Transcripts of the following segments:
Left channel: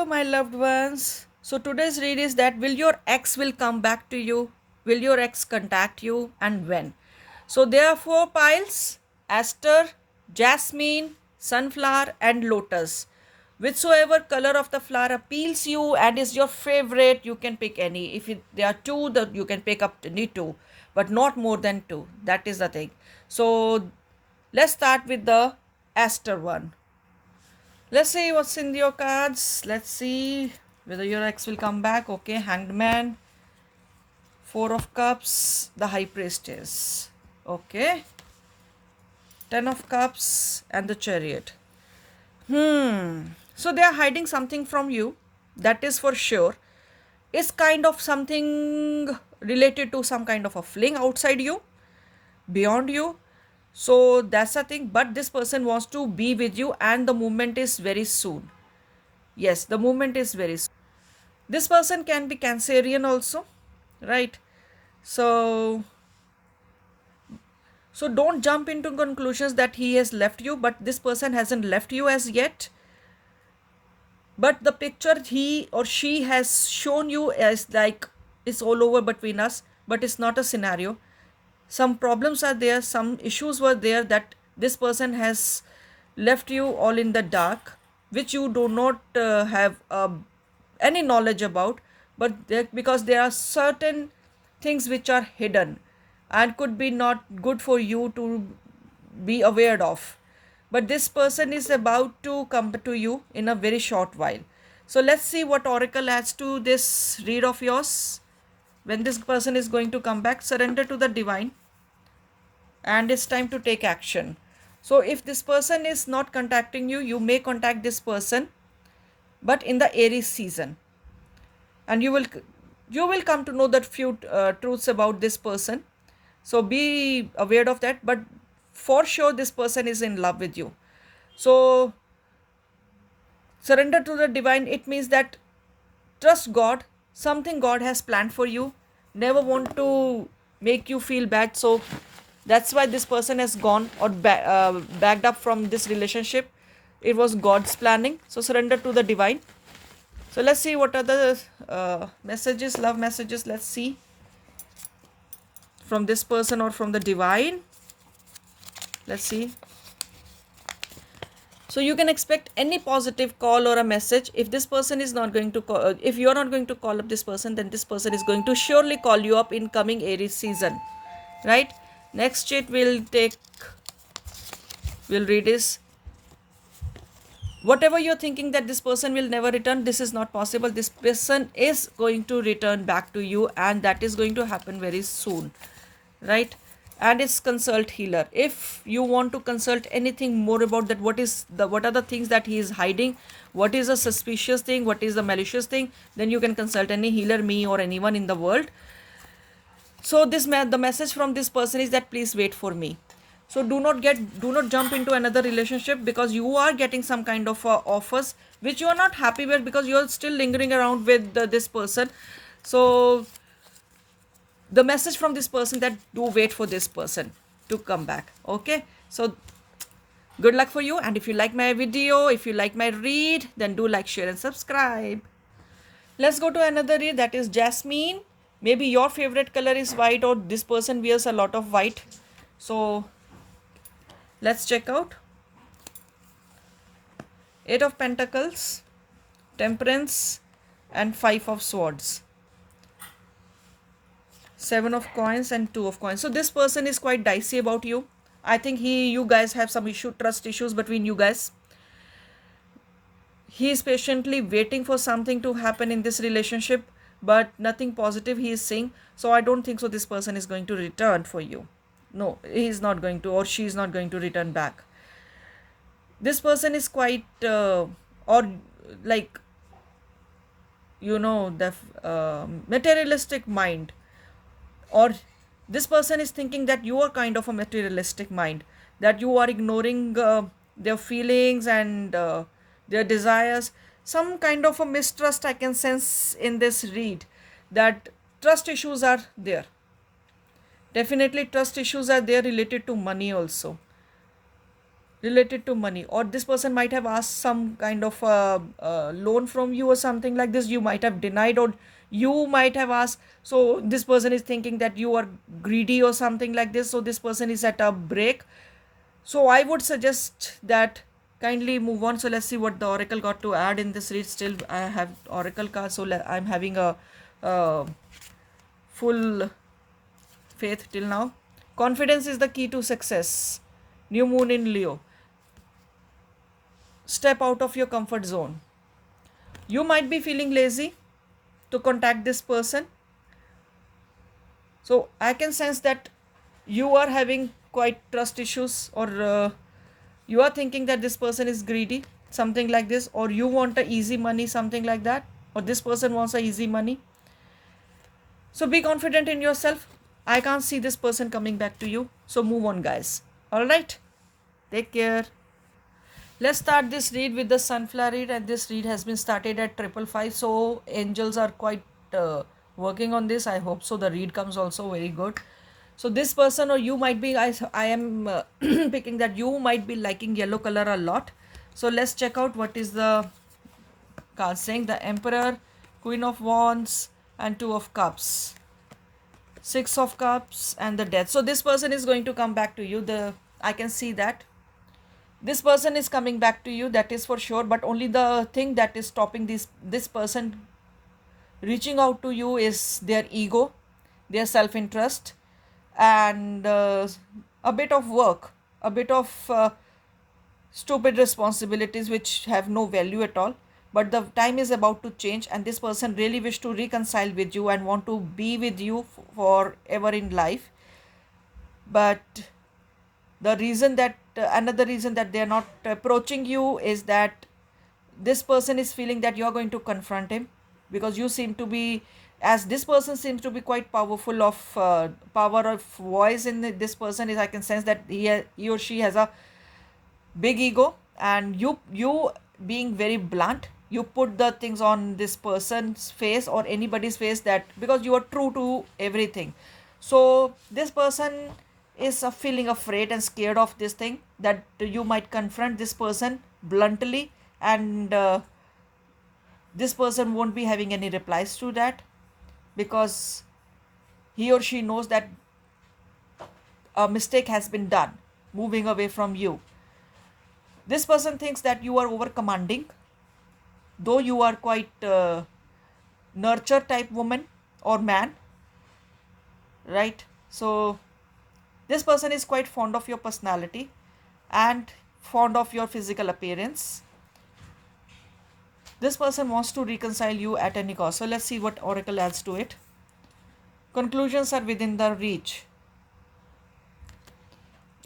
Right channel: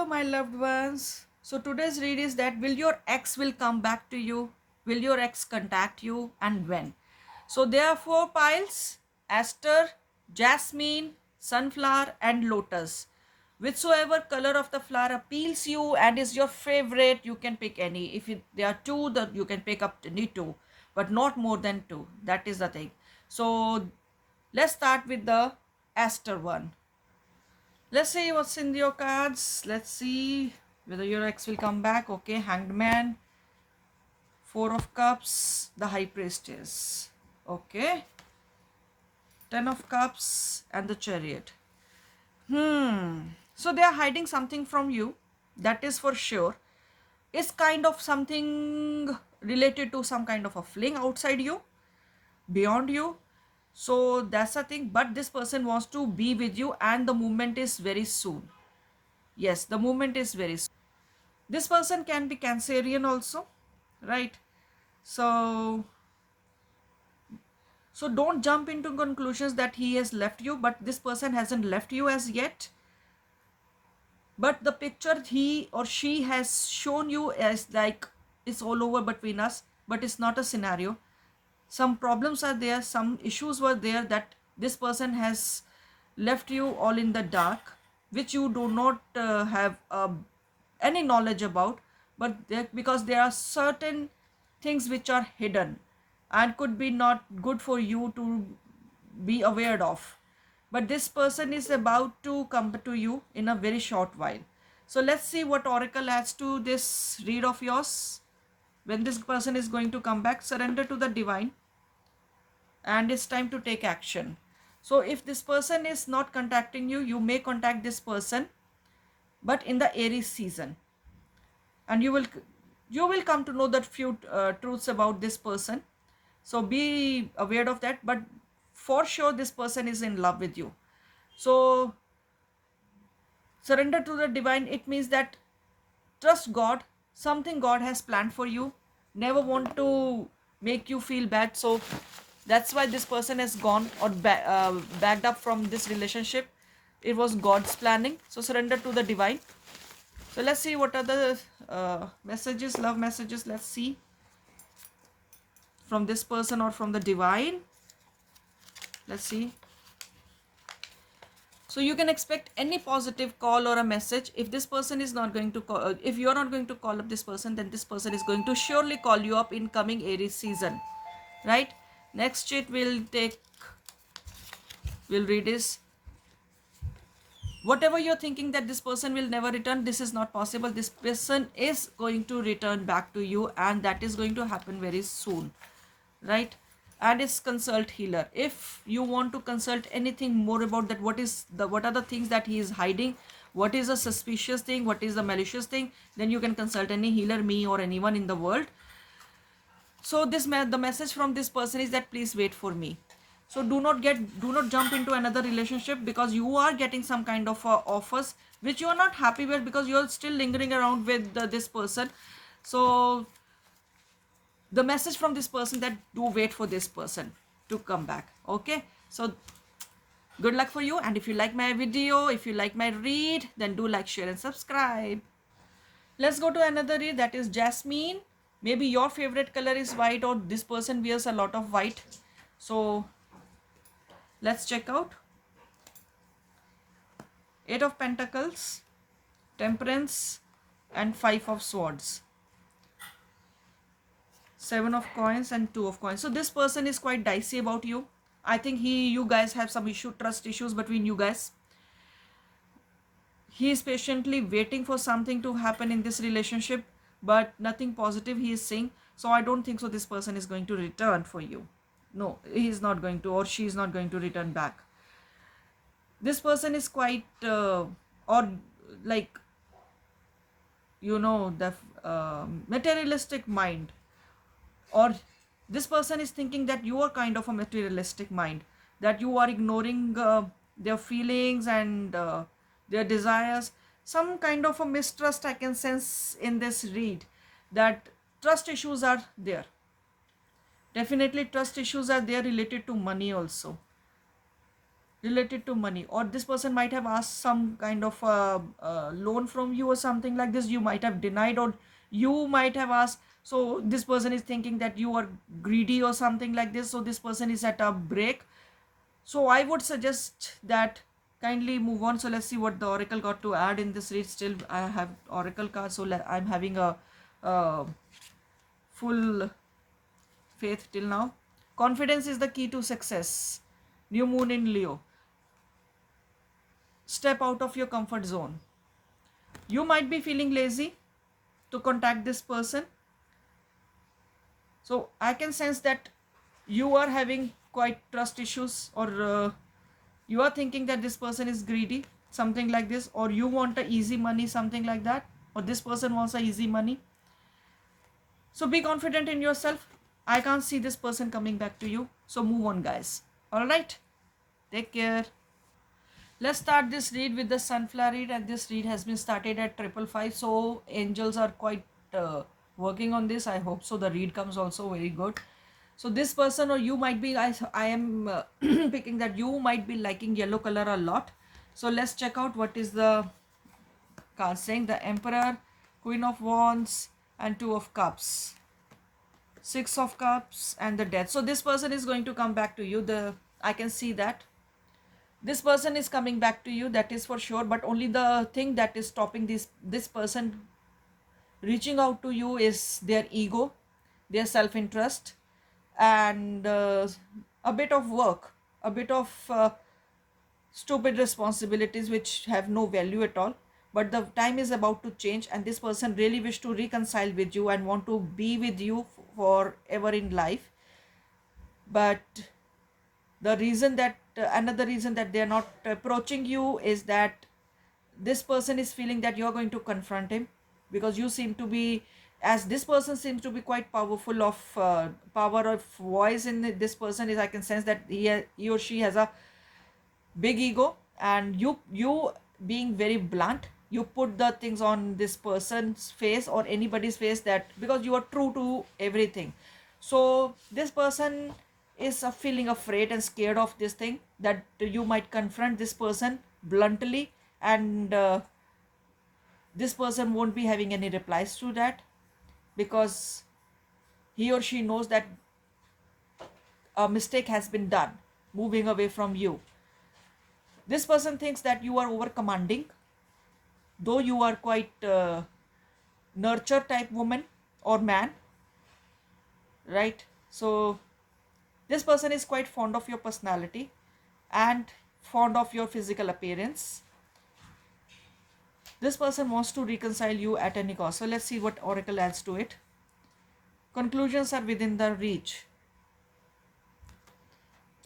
Hello, my loved ones. So today's read is that will your ex will come back to you? Will your ex contact you and when? So there are four piles: aster, jasmine, sunflower, and lotus. Whichsoever color of the flower appeals you and is your favorite, you can pick any. If there are two, that you can pick up any two, but not more than two. That is the thing. So let's start with the aster one. Let's see what's in your cards. Let's see whether your ex will come back. Okay, Hanged Man, Four of Cups, the High Priestess. Okay, Ten of Cups, and the Chariot. So they are hiding something from you. That is for sure. It's kind of something related to some kind of a fling outside you, beyond you. So that's the thing. But this person wants to be with you, and the movement is very soon. Yes, the movement is very soon. This person can be Cancerian also, right? So so don't jump into conclusions that he has left you, but this person hasn't left you as yet. But the picture he or she has shown you as like it's all over between us, but it's not a scenario. Some problems are there, some issues were there that this person has left you all in the dark, which you do not have any knowledge about, but because there are certain things which are hidden and could be not good for you to be aware of. But this person is about to come to you in a very short while. So let's see what oracle adds to this read of yours. When this person is going to come back, surrender to the divine, and it's time to take action. So if this person is not contacting you, you may contact this person, but in the Aries season, and you will come to know that few truths about this person. So be aware of that, but for sure this person is in love with you. So surrender to the divine, it means that trust God. Something God has planned for you. Never want to make you feel bad. So that's why this person has gone or backed up from this relationship. It was God's planning. So surrender to the divine. So let's see what are the messages, love messages. Let's see from this person or from the divine. Let's see. So you can expect any positive call or a message. If this person is not going to call, if you are not going to call up this person, then this person is going to surely call you up in coming Aries season, right? Next it will take, we'll read is, whatever you're thinking that this person will never return, this is not possible. This person is going to return back to you, and that is going to happen very soon, right? And it's consult healer. If you want to consult anything more about that, what are the things that he is hiding, what is a suspicious thing, what is the malicious thing, then you can consult any healer, me or anyone in the world. So the message from this person is that please wait for me. So do not jump into another relationship, because you are getting some kind of offers which you are not happy with, because you are still lingering around with this person. So the message from this person that do wait for this person to come back. Okay, so good luck for you. And if you like my video, if you like my read, then do like, share and subscribe. Let's go to another read, that is jasmine. Maybe your favorite color is white, or this person wears a lot of white. So let's check out. Eight of Pentacles, Temperance, and Five of Swords. Seven of Coins and Two of Coins. So this person is quite dicey about you. I think you guys have some trust issues between you guys. He is patiently waiting for something to happen in this relationship, but nothing positive he is saying. So I don't think so this person is going to return for you. No, he is not going to, or she is not going to return back. This person is quite or like, the materialistic mind, or this person is thinking that you are kind of a materialistic mind, that you are ignoring their feelings and their desires. Some kind of a mistrust I can sense in this read, that trust issues are there. Definitely trust issues are there related to money also. related to money, or this person might have asked some kind of loan from you or something like this. You might have denied, or you might have asked. So this person is thinking that you are greedy or something like this. So this person is at a break. So I would suggest that kindly move on. So let's see what the oracle got to add in this read. Still I have oracle cards, so I'm having a uh, full faith till now. Confidence is the key to success. New moon in Leo. Step out of your comfort zone. You might be feeling lazy to contact this person. So I can sense that you are having quite trust issues, or you are thinking that this person is greedy, something like this, or you want a easy money, something like that, or this person wants a easy money. So be confident in yourself. I can't see this person coming back to you. So move on, guys. All right. Take care. Let's start this read with the sunflower read, and this read has been started at 555. So angels are quite working on this. I hope so. The read comes also very good. So this person, or you might be, I am picking that you might be liking yellow color a lot. So let's check out what is the card saying. The Emperor, Queen of Wands, and Two of Cups, Six of Cups, and the Death. So this person is going to come back to you. I can see that this person is coming back to you, that is for sure. But only the thing that is stopping this person reaching out to you is their ego, their self-interest, and a bit of work, a bit of stupid responsibilities which have no value at all. But the time is about to change, and this person really wish to reconcile with you and want to be with you forever in life. But the reason that another reason that they are not approaching you is that this person is feeling that you're going to confront him, because you seem to be, as this person seems to be quite powerful of power of voice in this person is, I can sense that he or she has a big ego, and you being very blunt, you put the things on this person's face or anybody's face, that because you are true to everything. So this person is feeling afraid and scared of this thing, that you might confront this person bluntly, and this person won't be having any replies to that, because he or she knows that a mistake has been done moving away from you. This person thinks that you are over commanding, though you are quite nurture type woman or man, right? So this person is quite fond of your personality and fond of your physical appearance. This person wants to reconcile you at any cost. So let's see what oracle adds to it. Conclusions are within the reach.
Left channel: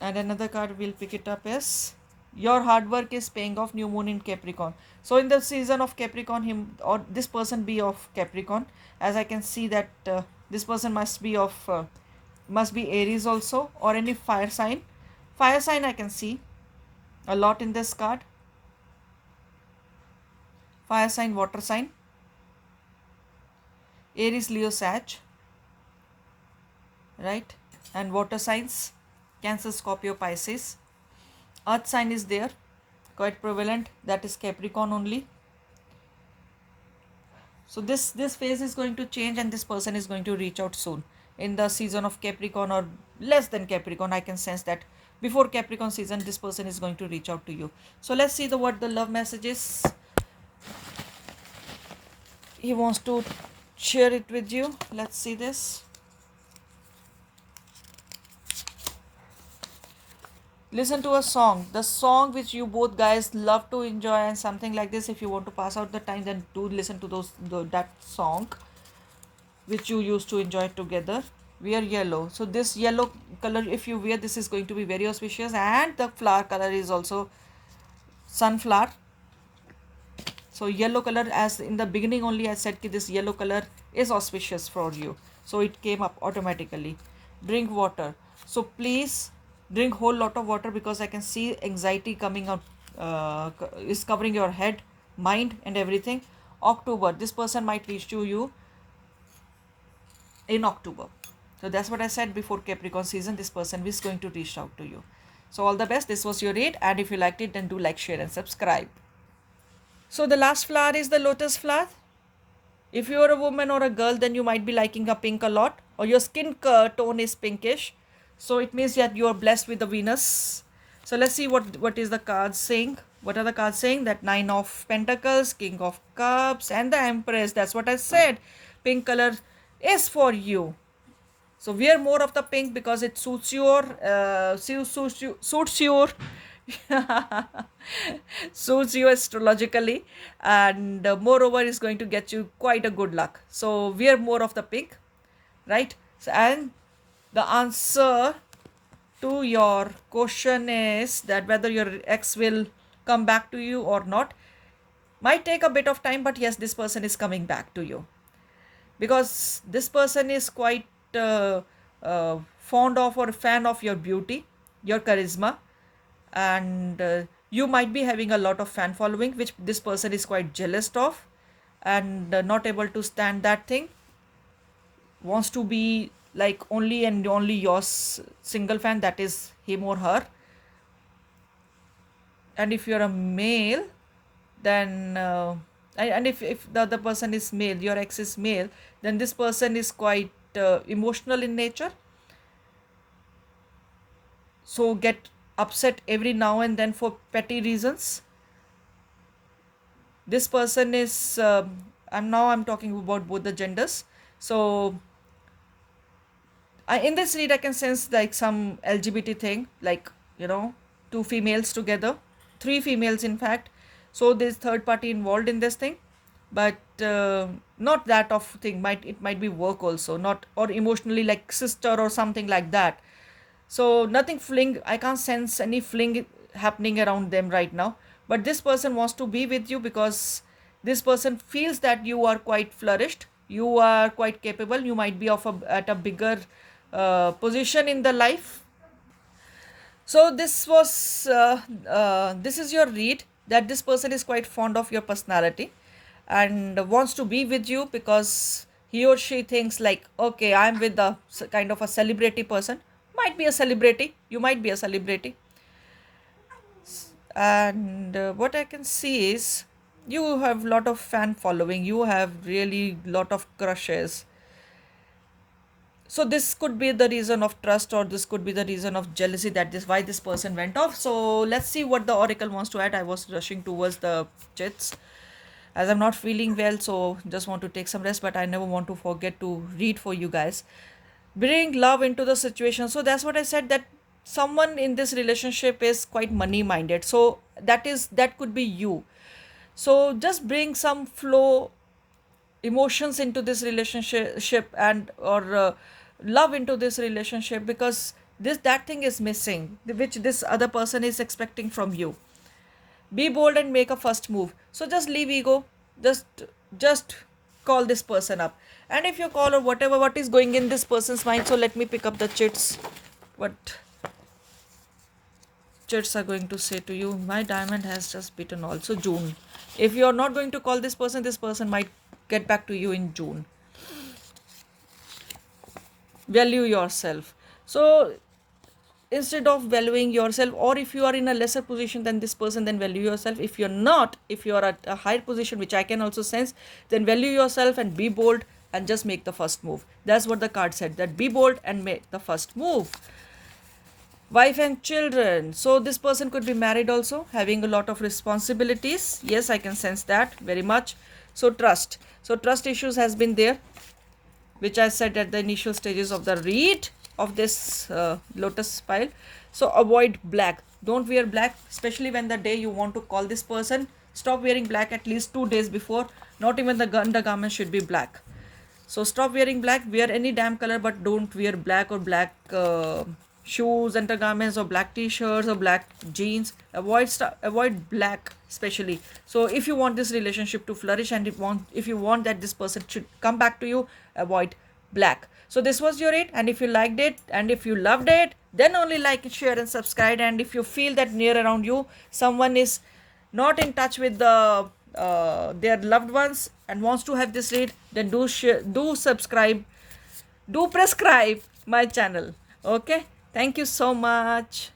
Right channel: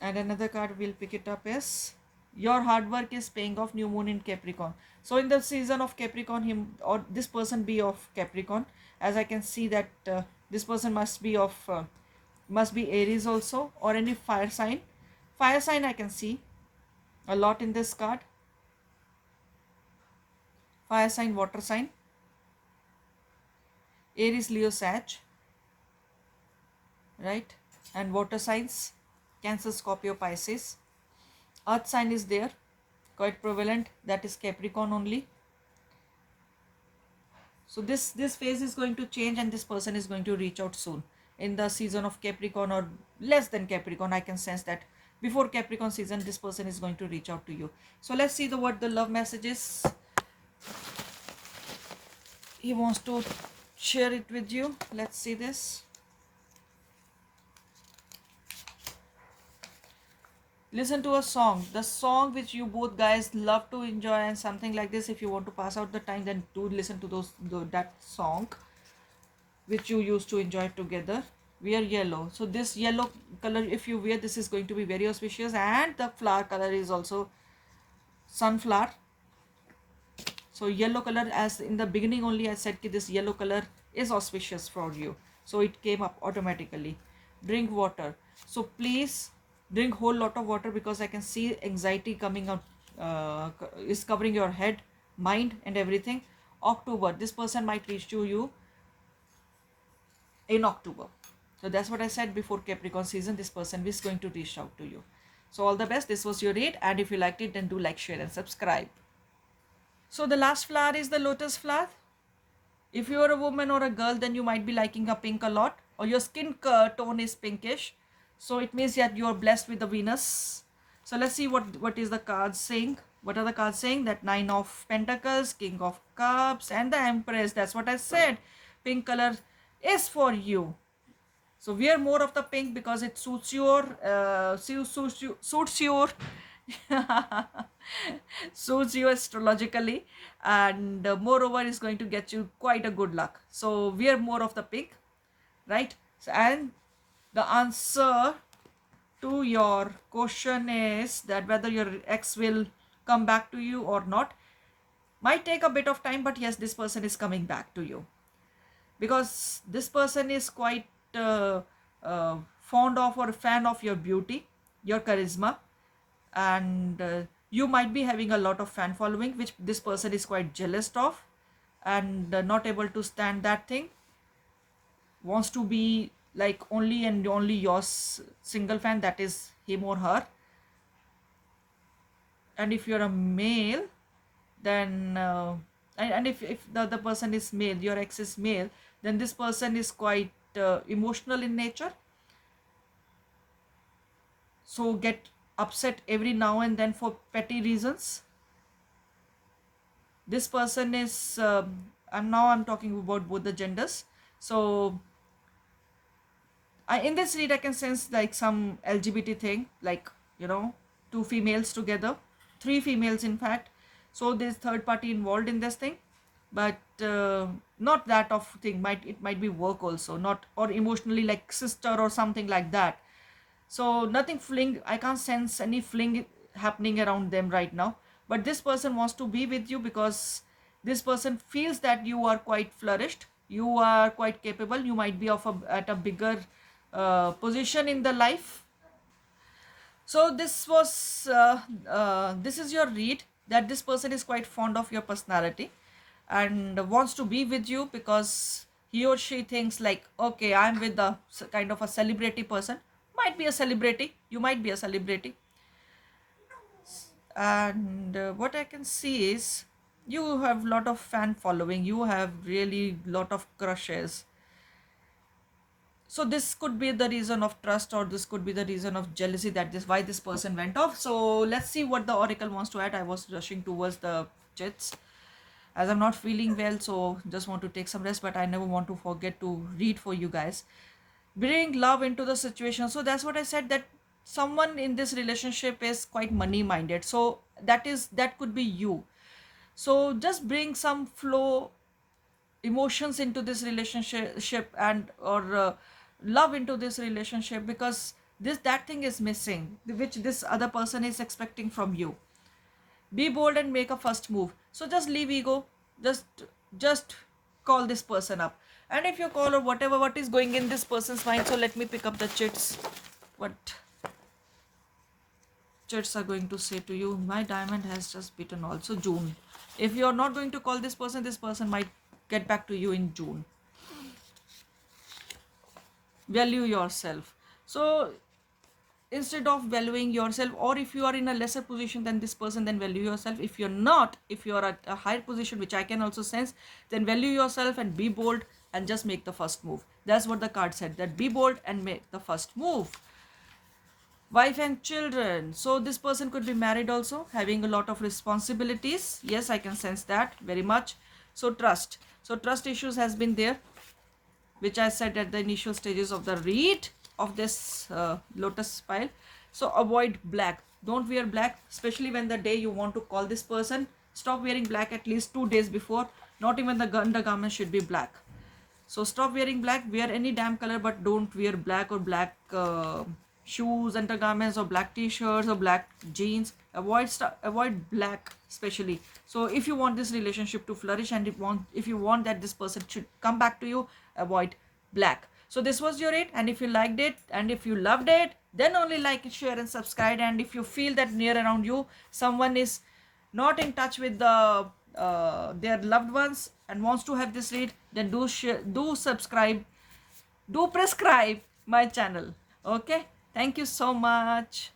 And another card we'll pick it up is your hard work is paying off. New moon in Capricorn. So in the season of Capricorn, him or this person be of Capricorn, as I can see that this person must be Aries also, or any fire sign. Fire sign I can see a lot in this card. Fire sign, water sign, Aries, Leo, Sag, right? And water signs, Cancer, Scorpio, Pisces. Earth sign is there, quite prevalent, that is Capricorn only. So this phase is going to change, and this person is going to reach out soon in the season of Capricorn, or less than Capricorn. I can sense that before Capricorn season this person is going to reach out to you. So let's see what the love message is. He wants to share it with you. Let's see this. Listen to a song, the song which you both guys love to enjoy, and something like this. If you want to pass out the time, then do listen to that song which you used to enjoy together. Wear yellow. So this yellow color, if you wear, this is going to be very auspicious, and the flower color is also sunflower. So yellow color, as in the beginning only I said that this yellow color is auspicious for you, so it came up automatically. Drink water. So please drink whole lot of water, because I can see anxiety coming out, is covering your head, mind, and everything. October, this person might reach to you in October. So that's what I said, before Capricorn season this person is going to reach out to you. So all the best. This was your read, and if you liked it, then do like, share, and subscribe. So the last flower is the lotus flower. If you are a woman or a girl, then you might be liking a pink a lot, or your skin tone is pinkish. So it means that you are blessed with the Venus. So let's see what is the cards saying. What are the cards saying? That Nine of Pentacles, King of Cups, and the Empress. That's what I said. Pink color is for you. So wear more of the pink because it suits your suits you astrologically, and moreover is going to get you quite a good luck. So wear more of the pink, right? So, and the answer to your question is that whether your ex will come back to you or not might take a bit of time, but yes, this person is coming back to you because this person is quite fond of or fan of your beauty, your charisma, and you might be having a lot of fan following, which this person is quite jealous of, and not able to stand that thing, wants to be like only and only your single fan, that is him or her. And if you're a male, then and if the other person is male, your ex is male, then this person is quite emotional in nature, so get upset every now and then for petty reasons. This person is and now I'm talking about both the genders. So in this read I can sense like some LGBT thing, like, two females together, three females in fact. So there's third party involved in this thing, but not that of thing, might be work also, not, or emotionally like sister or something like that. So nothing fling, I can't sense any fling happening around them right now. But this person wants to be with you because this person feels that you are quite flourished, you are quite capable, you might be at a bigger position in the life. So this is your read, that this person is quite fond of your personality and wants to be with you because he or she thinks like, okay, I'm with the kind of a celebrity person. Might be a celebrity, you might be a celebrity. And what I can see is you have lot of fan following, you have really lot of crushes. So this could be the reason of trust, or this could be the reason of jealousy, that this why this person went off. So let's see what the oracle wants to add. I was rushing towards the chits as I'm not feeling well, so just want to take some rest, but I never want to forget to read for you guys. Bring love into the situation. So that's what I said, that someone in this relationship is quite money minded, so that could be you. So just bring some flow, emotions into this relationship, and or love into this relationship, because that thing is missing, which this other person is expecting from you. Be bold and make a first move. So just leave ego, just call this person up. And if you call, or whatever, what is going in this person's mind, so let me pick up the chits. What chits are going to say to you? My diamond has just beaten also June. If you are not going to call this person might get back to you in June. Value yourself. So instead of valuing yourself, or if you are in a lesser position than this person, then value yourself. If you're not, if you are at a higher position, which I can also sense, then value yourself and be bold and just make the first move. That's what the card said, that be bold and make the first move. Wife and children. So this person could be married also, having a lot of responsibilities. Yes, I can sense that very much. So trust. So trust issues has been there, which I said at the initial stages of the read of this lotus pile. So avoid black. Don't wear black, especially when the day you want to call this person. Stop wearing black at least 2 days before. Not even the undergarment should be black. So stop wearing black. Wear any damn color, but don't wear black, or black shoes, undergarments, or black t-shirts, or black jeans. Avoid black especially. So if you want this relationship to flourish, and if you want that this person should come back to you, avoid black. So this was your it, and if you liked it and if you loved it, then only like it, share, and subscribe. And if you feel that near around you someone is not in touch with their loved ones and wants to have this read, then do share, do subscribe, do prescribe my channel. Okay, thank you so much.